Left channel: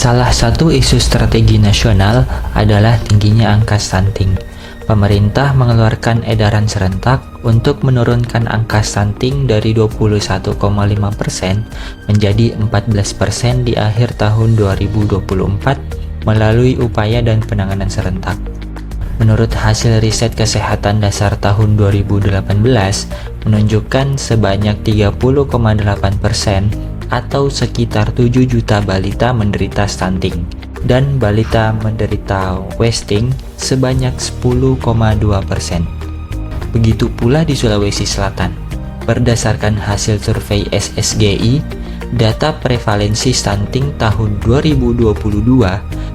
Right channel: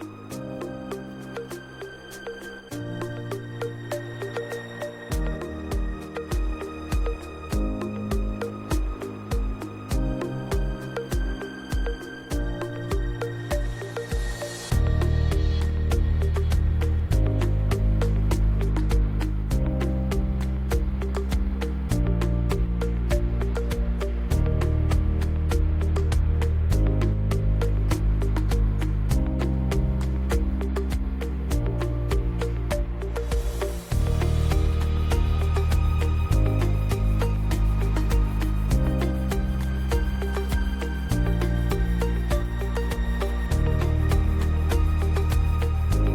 Salah satu isu strategi nasional adalah tingginya angka stunting. Pemerintah mengeluarkan edaran serentak untuk menurunkan angka stunting dari 21,5% menjadi 14% di akhir tahun 2024 melalui upaya dan penanganan serentak. Menurut hasil riset kesehatan dasar tahun 2018 menunjukkan sebanyak 30,8% atau sekitar 7 juta balita menderita stunting dan balita menderita wasting sebanyak 10,2%. Begitu pula di Sulawesi Selatan. Berdasarkan hasil survei SSGI, data prevalensi stunting tahun 2022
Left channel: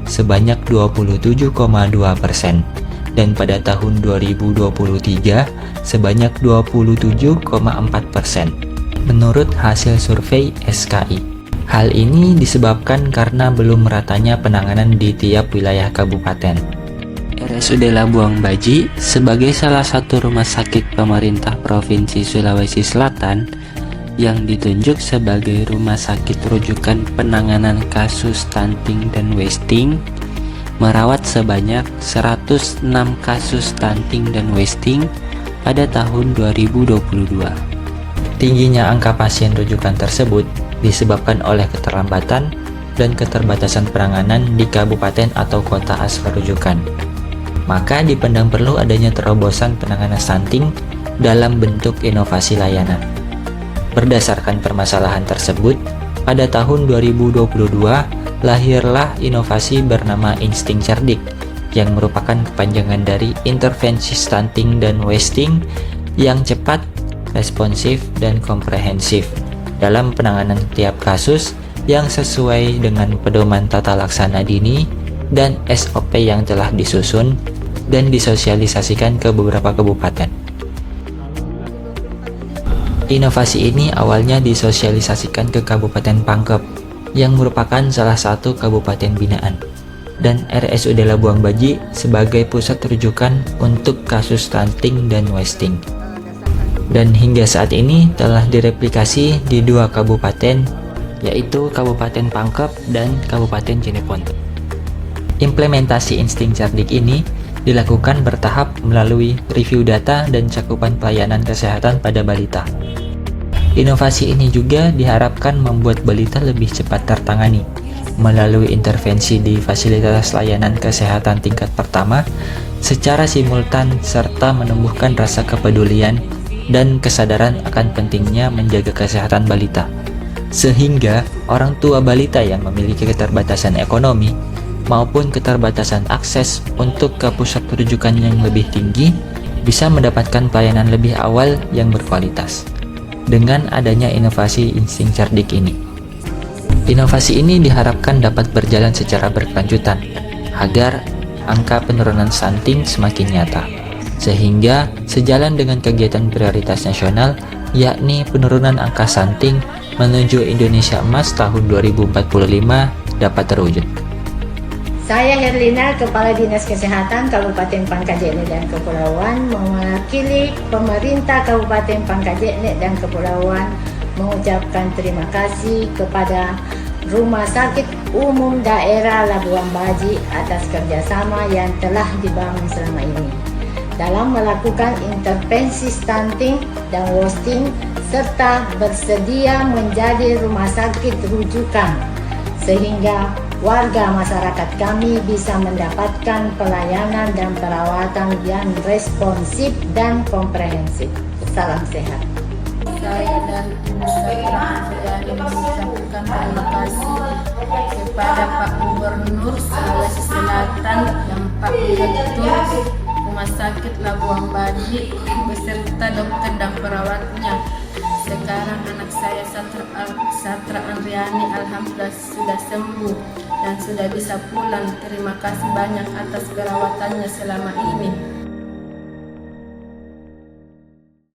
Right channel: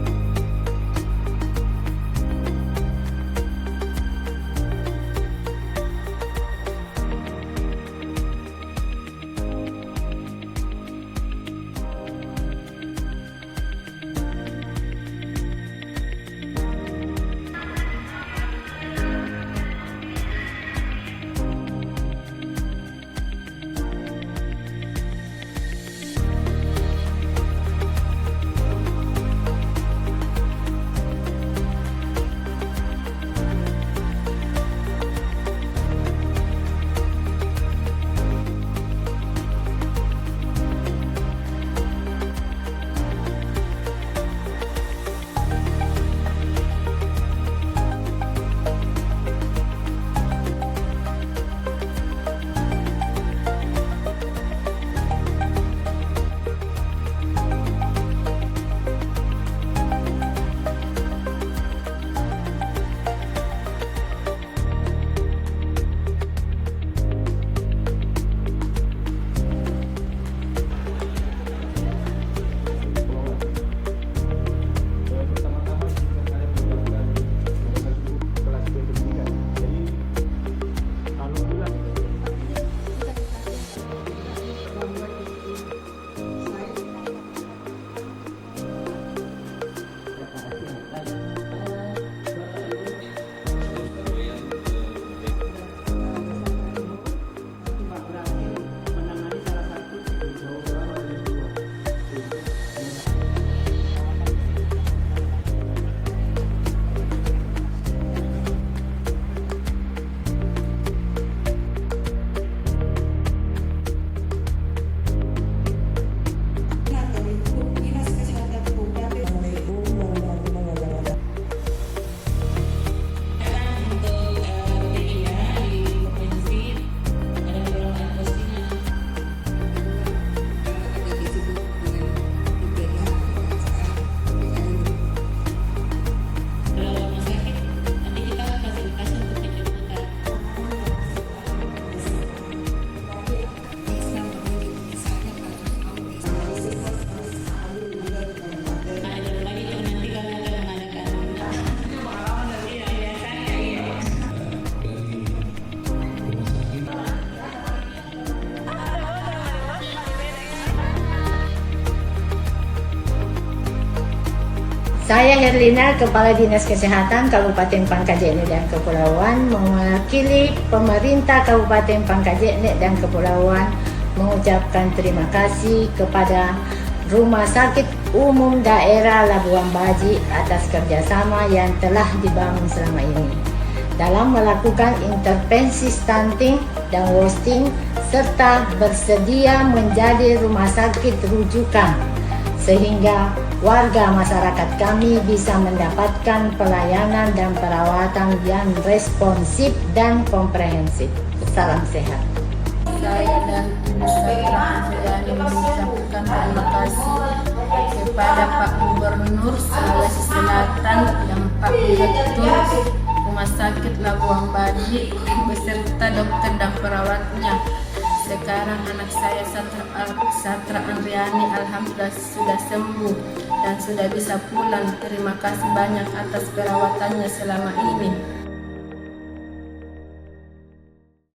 sebanyak 27,2% dan pada tahun 2023 sebanyak 27,4%. Menurut hasil survei SKI. Hal ini disebabkan karena belum meratanya penanganan di tiap wilayah kabupaten. RSUD Labuang Baji sebagai salah satu rumah sakit pemerintah Provinsi Sulawesi Selatan yang ditunjuk sebagai rumah sakit rujukan penanganan kasus stunting dan wasting, merawat sebanyak 106 kasus stunting dan wasting pada tahun 2022. Tingginya angka pasien rujukan tersebut disebabkan oleh keterlambatan dan keterbatasan penanganan di kabupaten atau kota asal rujukan. Maka dipandang perlu adanya terobosan penanganan stunting dalam bentuk inovasi layanan. Berdasarkan permasalahan tersebut, pada tahun 2022 lahirlah inovasi bernama Insting Cerdik yang merupakan kepanjangan dari intervensi stunting dan wasting yang cepat, responsif, dan komprehensif dalam penanganan tiap kasus yang sesuai dengan pedoman tata laksana dini dan SOP yang telah disusun dan disosialisasikan ke beberapa kabupaten. Inovasi ini awalnya disosialisasikan ke Kabupaten Pangkep yang merupakan salah satu kabupaten binaan dan RSUD Labuang Baji sebagai pusat rujukan untuk kasus stunting dan wasting. Dan hingga saat ini telah direplikasi di 2 kabupaten, yaitu Kabupaten Pangkep dan Kabupaten Cirebon. Implementasi Insting Cerdik ini dilakukan bertahap melalui review data dan cakupan pelayanan kesehatan pada balita. Inovasi ini juga diharapkan membuat balita lebih cepat tertangani melalui intervensi di fasilitas layanan kesehatan tingkat pertama secara simultan serta menumbuhkan rasa kepedulian dan kesadaran akan pentingnya menjaga kesehatan balita. Sehingga orang tua balita yang memiliki keterbatasan ekonomi maupun keterbatasan akses untuk ke pusat rujukan yang lebih tinggi bisa mendapatkan pelayanan lebih awal yang berkualitas. Dengan adanya inovasi Insting Cerdik ini. Inovasi ini diharapkan dapat berjalan secara berkelanjutan agar angka penurunan stunting semakin nyata. Sehingga sejalan dengan kegiatan prioritas nasional yakni penurunan angka stunting menuju Indonesia Emas tahun 2045 dapat terwujud. Saya Herlina, Kepala Dinas Kesehatan Kabupaten Pangkajene dan Kepulauan, mewakili pemerintah Kabupaten Pangkajene dan Kepulauan mengucapkan terima kasih kepada Rumah Sakit Umum Daerah Labuang Baji atas kerjasama yang telah dibangun selama ini dalam melakukan intervensi stunting dan wasting serta bersedia menjadi rumah sakit rujukan sehingga warga masyarakat kami bisa mendapatkan pelayanan dan perawatan yang responsif dan komprehensif. Salam sehat. Saya dan Ibu Satra Andriani mengucapkan terima kasih kepada Pak Gubernur Sulawesi Selatan dan Pak Direktur Rumah Sakit Labuang Baji beserta dokter dan perawatnya. Sekarang anak saya Satra Andriani alhamdulillah sudah sembuh dan sudah bisa pulang. Terima kasih banyak atas perawatannya selama ini.